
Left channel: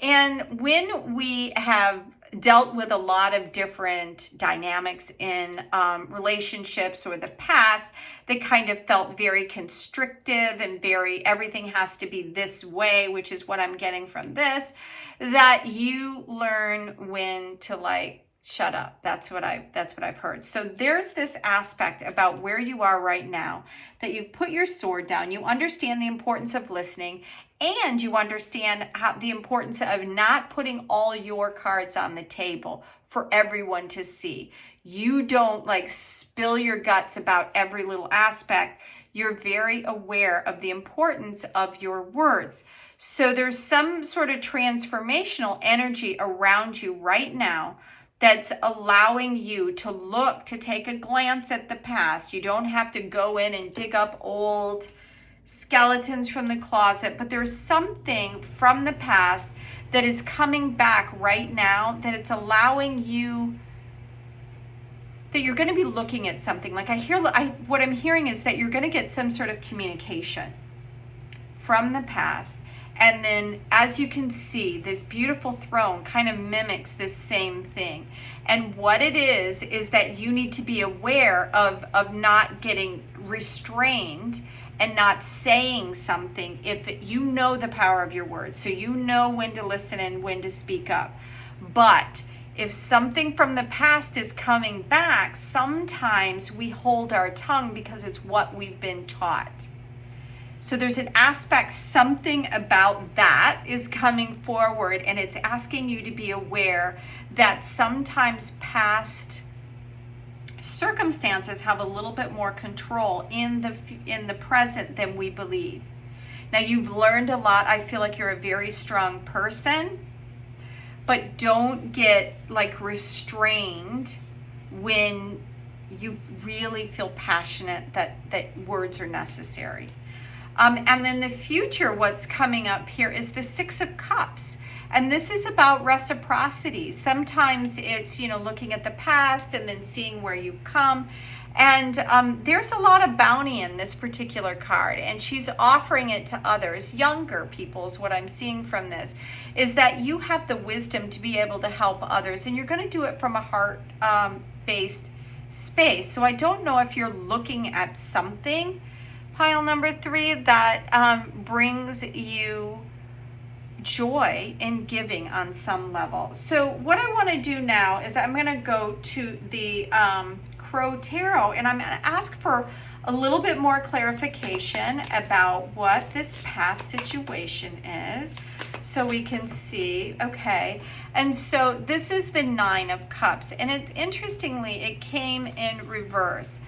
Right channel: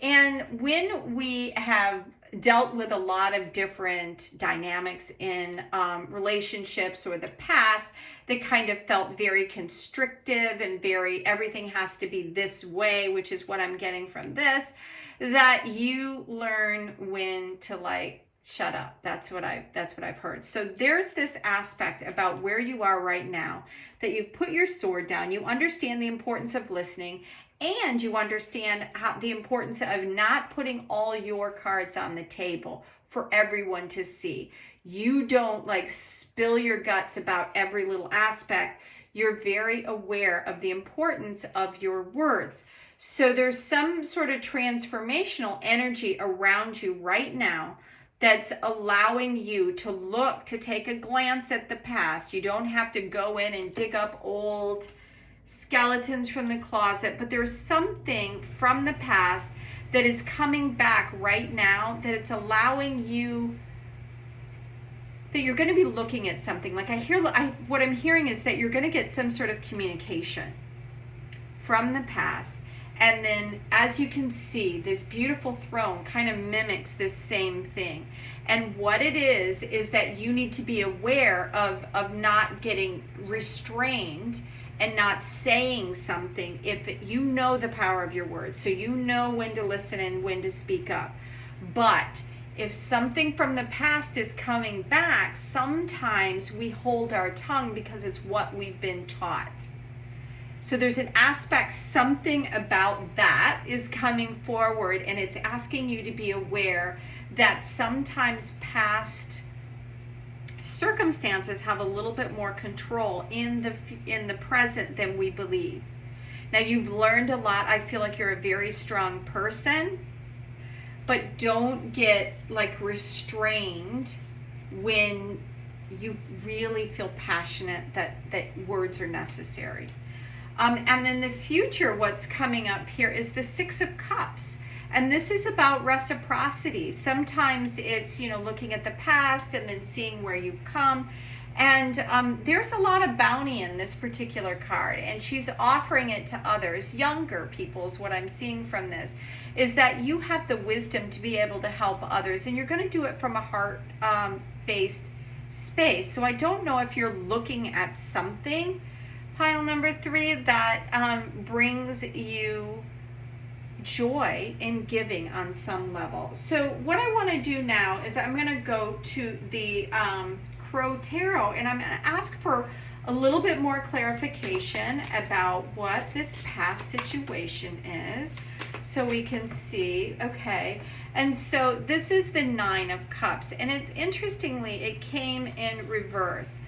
And when we have dealt with a lot of different dynamics in relationships or the past that kind of felt very constrictive and very everything has to be this way, which is what I'm getting from this, that you learn when to like shut up. That's what I've heard. So there's this aspect about where you are right now, that you've put your sword down, you understand the importance of listening, and you understand the importance of not putting all your cards on the table for everyone to see. You don't like spill your guts about every little aspect. You're very aware of the importance of your words. So there's some sort of transformational energy around you right now that's allowing you to look, to take a glance at the past. You don't have to go in and dig up old skeletons from the closet, but there's something from the past that is coming back right now, that it's allowing you, that you're going to be looking at something. Like what I'm hearing is that you're going to get some sort of communication from the past. And then, as you can see, this beautiful throne kind of mimics this same thing. And what it is that you need to be aware of not getting restrained and not saying something if you know the power of your words. So you know when to listen and when to speak up. But if something from the past is coming back, sometimes we hold our tongue because it's what we've been taught. So there's an aspect, something about that is coming forward, and it's asking you to be aware that sometimes past circumstances have a little bit more control in the present than we believe. Now, you've learned a lot. I feel like you're a very strong person, but don't get like restrained when you really feel passionate that words are necessary. And then the future, what's coming up here is the Six of Cups. And this is about reciprocity. Sometimes it's, looking at the past and then seeing where you've come. And there's a lot of bounty in this particular card. And she's offering it to others, younger people is what I'm seeing from this, is that you have the wisdom to be able to help others. And you're going to do it from a heart-based space. So I don't know if you're looking at something, pile number 3, that brings you joy in giving on some level. So what I want to do now is I'm going to go to the Crow Tarot, and I'm going to ask for a little bit more clarification about what this past situation is, so we can see. Okay, and so this is the Nine of Cups, and interestingly, it came in reverse.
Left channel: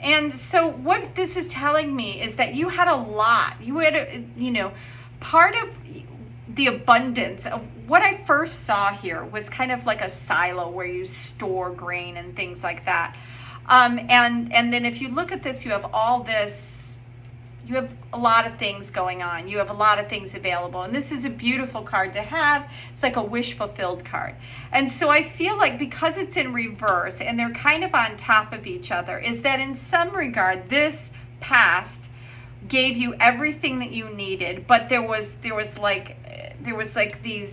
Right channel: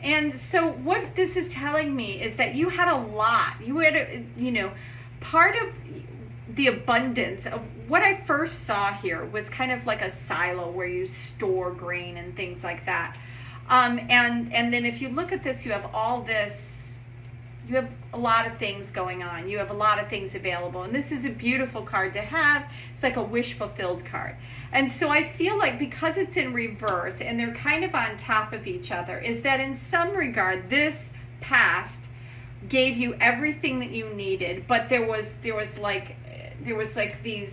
And so what this is telling me is that you had a lot. You had, you know, part of the abundance of what I first saw here was kind of like a silo where you store grain and things like that. And then if you look at this, you have all this, you have a lot of things going on. You have a lot of things available. And this is a beautiful card to have. It's like a wish fulfilled card. And so I feel like because it's in reverse and they're kind of on top of each other, is that in some regard, this past gave you everything that you needed, but there was like these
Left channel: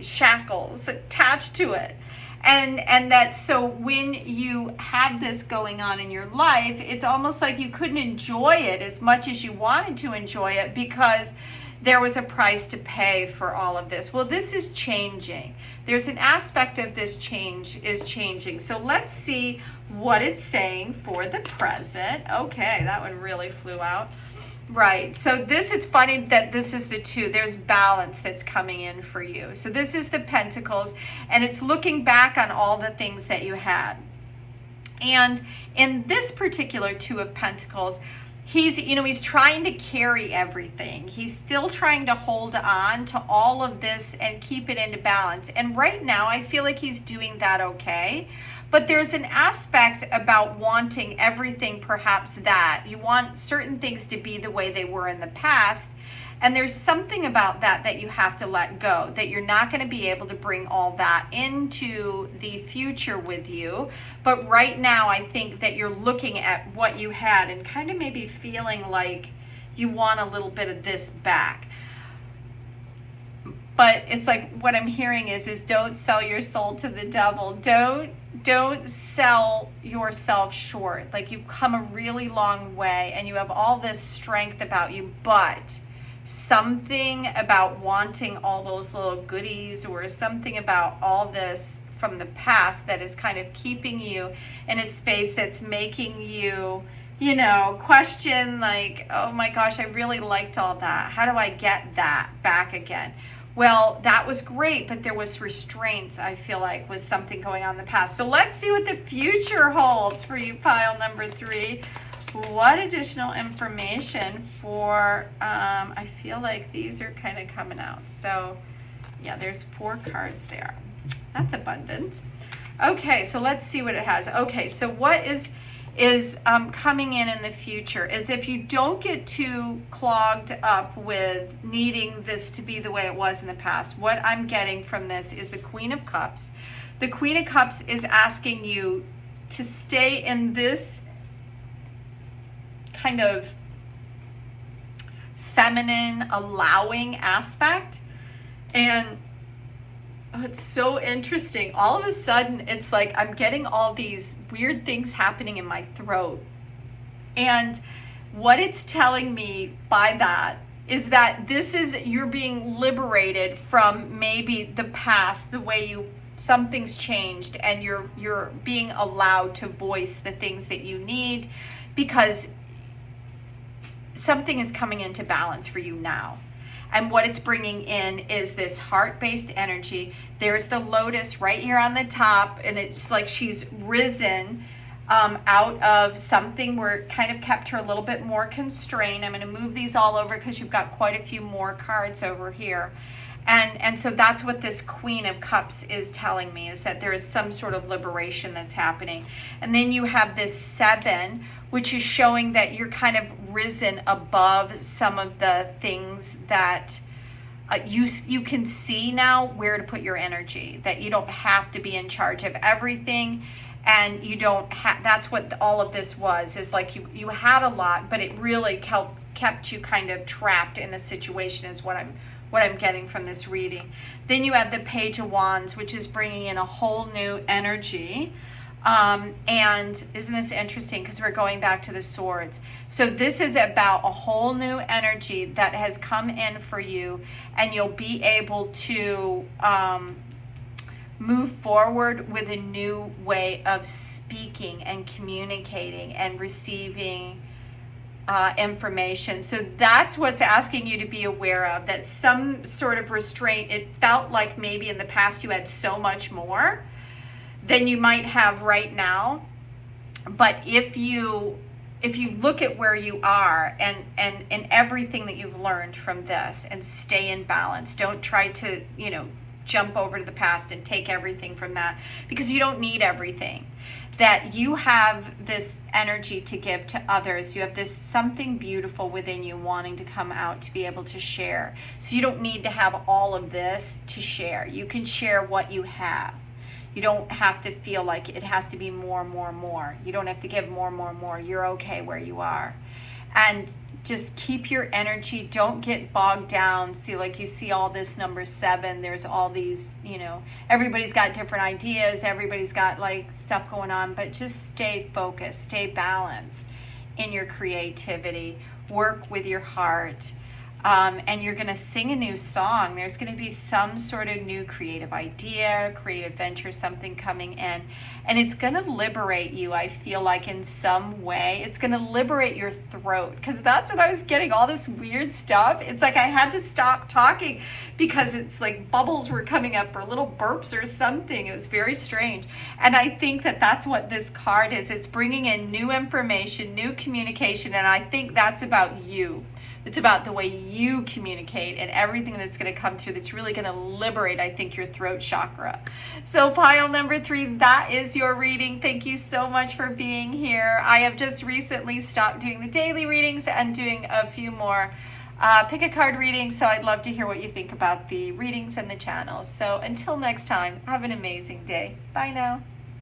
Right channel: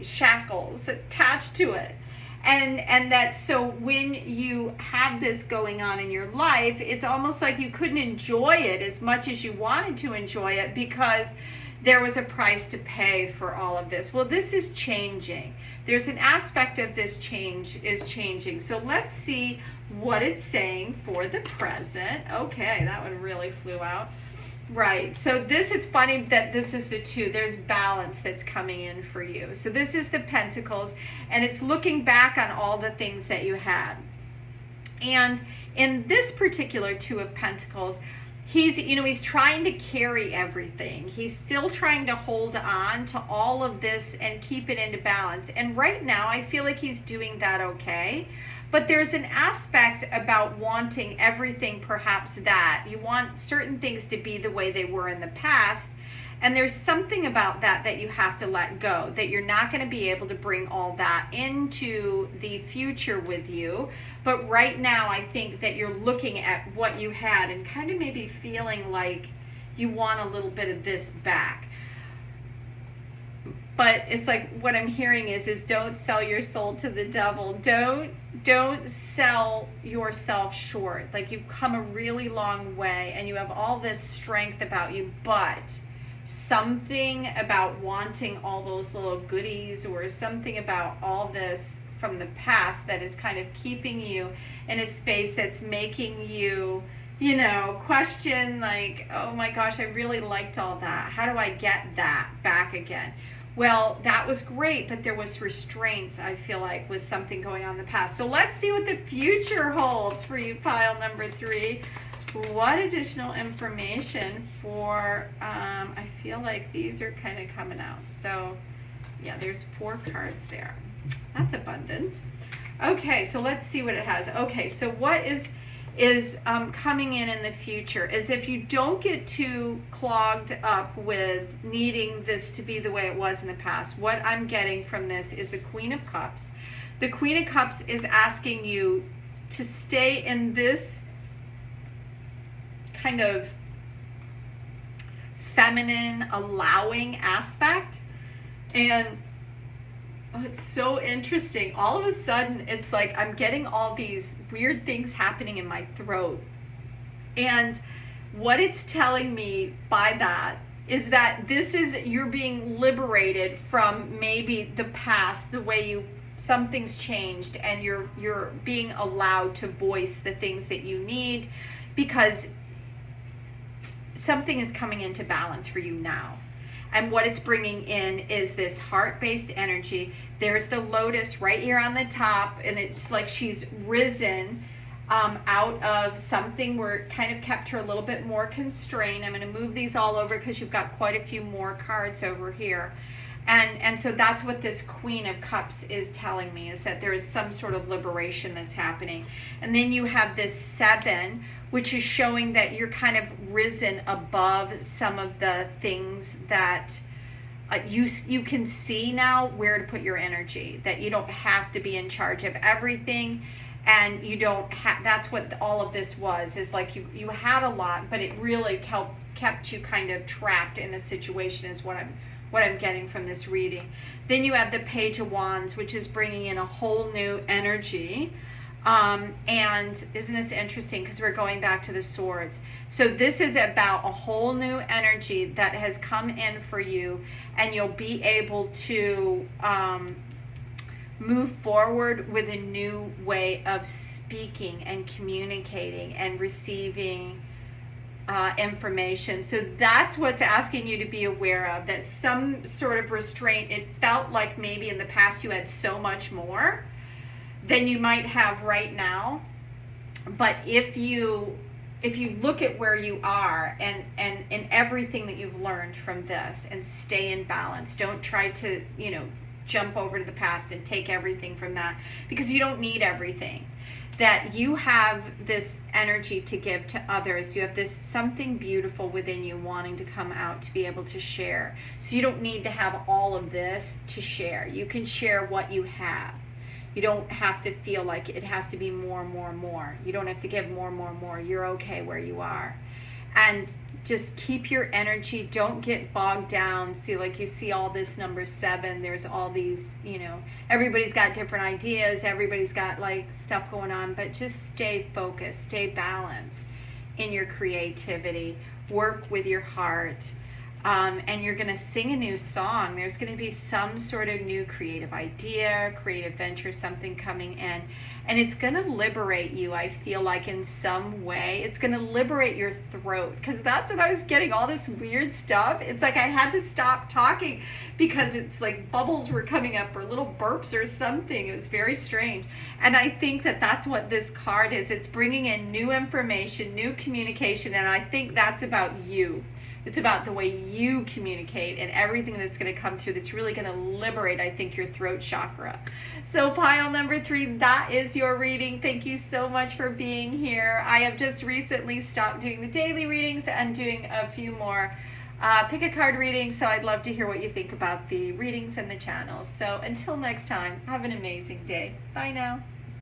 shackles attached to it. And that, so when you had this going on in your life, it's almost like you couldn't enjoy it as much as you wanted to enjoy it because there was a price to pay for all of this. Well, this is changing. There's an aspect of this change is changing. So let's see what it's saying for the present. Okay, that one really flew out. Right, so this, it's funny that this is the two. There's balance that's coming in for you. So this is the Pentacles, and it's looking back on all the things that you had. And in this particular Two of Pentacles, he's trying to carry everything. He's still trying to hold on to all of this and keep it into balance. And right now, I feel like he's doing that okay. But there's an aspect about wanting everything, perhaps that you want certain things to be the way they were in the past. And there's something about that you have to let go, that you're not going to be able to bring all that into the future with you. But right now, I think that you're looking at what you had and kind of maybe feeling like you want a little bit of this back. But it's like what I'm hearing is don't sell your soul to the devil. Don't sell yourself short. Like, you've come a really long way and you have all this strength about you, but something about wanting all those little goodies or something about all this from the past that is kind of keeping you in a space that's making you, you know, question like, oh my gosh, I really liked all that. How do I get that back again? Well, that was great, but there was restraints, I feel like, was something going on in the past. So let's see what the future holds for you, pile number 3. What additional information for, I feel like these are kind of coming out. So, yeah, there's 4 cards there. That's abundance. Okay, so let's see what it has. Okay, so what is coming in the future is if you don't get too clogged up with needing this to be the way it was in the past, what I'm getting from this is the Queen of Cups. The Queen of Cups is asking you to stay in this kind of feminine, allowing aspect. And it's so interesting. All of a sudden, it's like I'm getting all these weird things happening in my throat. And what it's telling me by that is that this is, you're being liberated from maybe the past, the way something's changed, and you're being allowed to voice the things that you need because something is coming into balance for you now. And what it's bringing in is this heart-based energy. There's the lotus right here on the top, and it's like she's risen out of something where it kind of kept her a little bit more constrained. I'm going to move these all over because you've got quite a few more cards over here. And so that's what this Queen of Cups is telling me, is that there is some sort of liberation that's happening. And then you have this 7, which is showing that you're kind of risen above some of the things that you can see now where to put your energy, that you don't have to be in charge of everything. And you don't have, that's what all of this was, is like you had a lot, but it really kept you kind of trapped in a situation, is what I'm getting from this reading. Then you have the Page of Wands, which is bringing in a whole new energy. And isn't this interesting, because we're going back to the Swords. So this is about a whole new energy that has come in for you, and you'll be able to move forward with a new way of speaking and communicating and receiving information. So that's what's asking you to be aware of, that some sort of restraint. It felt like maybe in the past you had so much more than you might have right now. But if you look at where you are and everything that you've learned from this, and stay in balance, don't try to, jump over to the past and take everything from that, because you don't need everything. That you have this energy to give to others. You have this something beautiful within you wanting to come out to be able to share. So you don't need to have all of this to share. You can share what you have. You don't have to feel like it has to be more, more, more. You don't have to give more, more, more. You're okay where you are. And just keep your energy. Don't get bogged down. See, like you see all this number 7. There's all these, everybody's got different ideas. Everybody's got like stuff going on. But just stay focused. Stay balanced in your creativity. Work with your heart. And you're going to sing a new song. There's going to be some sort of new creative idea, creative venture, something coming in. And it's going to liberate you, I feel like, in some way. It's going to liberate your throat, because that's what I was getting, all this weird stuff. It's like I had to stop talking because it's like bubbles were coming up or little burps or something. It was very strange. And I think that that's what this card is. It's bringing in new information, new communication. And I think that's about you. It's about the way you communicate and everything that's going to come through that's really going to liberate, I think, your throat chakra. So pile number 3, that is your reading. Thank you so much for being here. I have just recently stopped doing the daily readings and doing a few more pick a card readings. So I'd love to hear what you think about the readings and the channels. So until next time, have an amazing day. Bye now.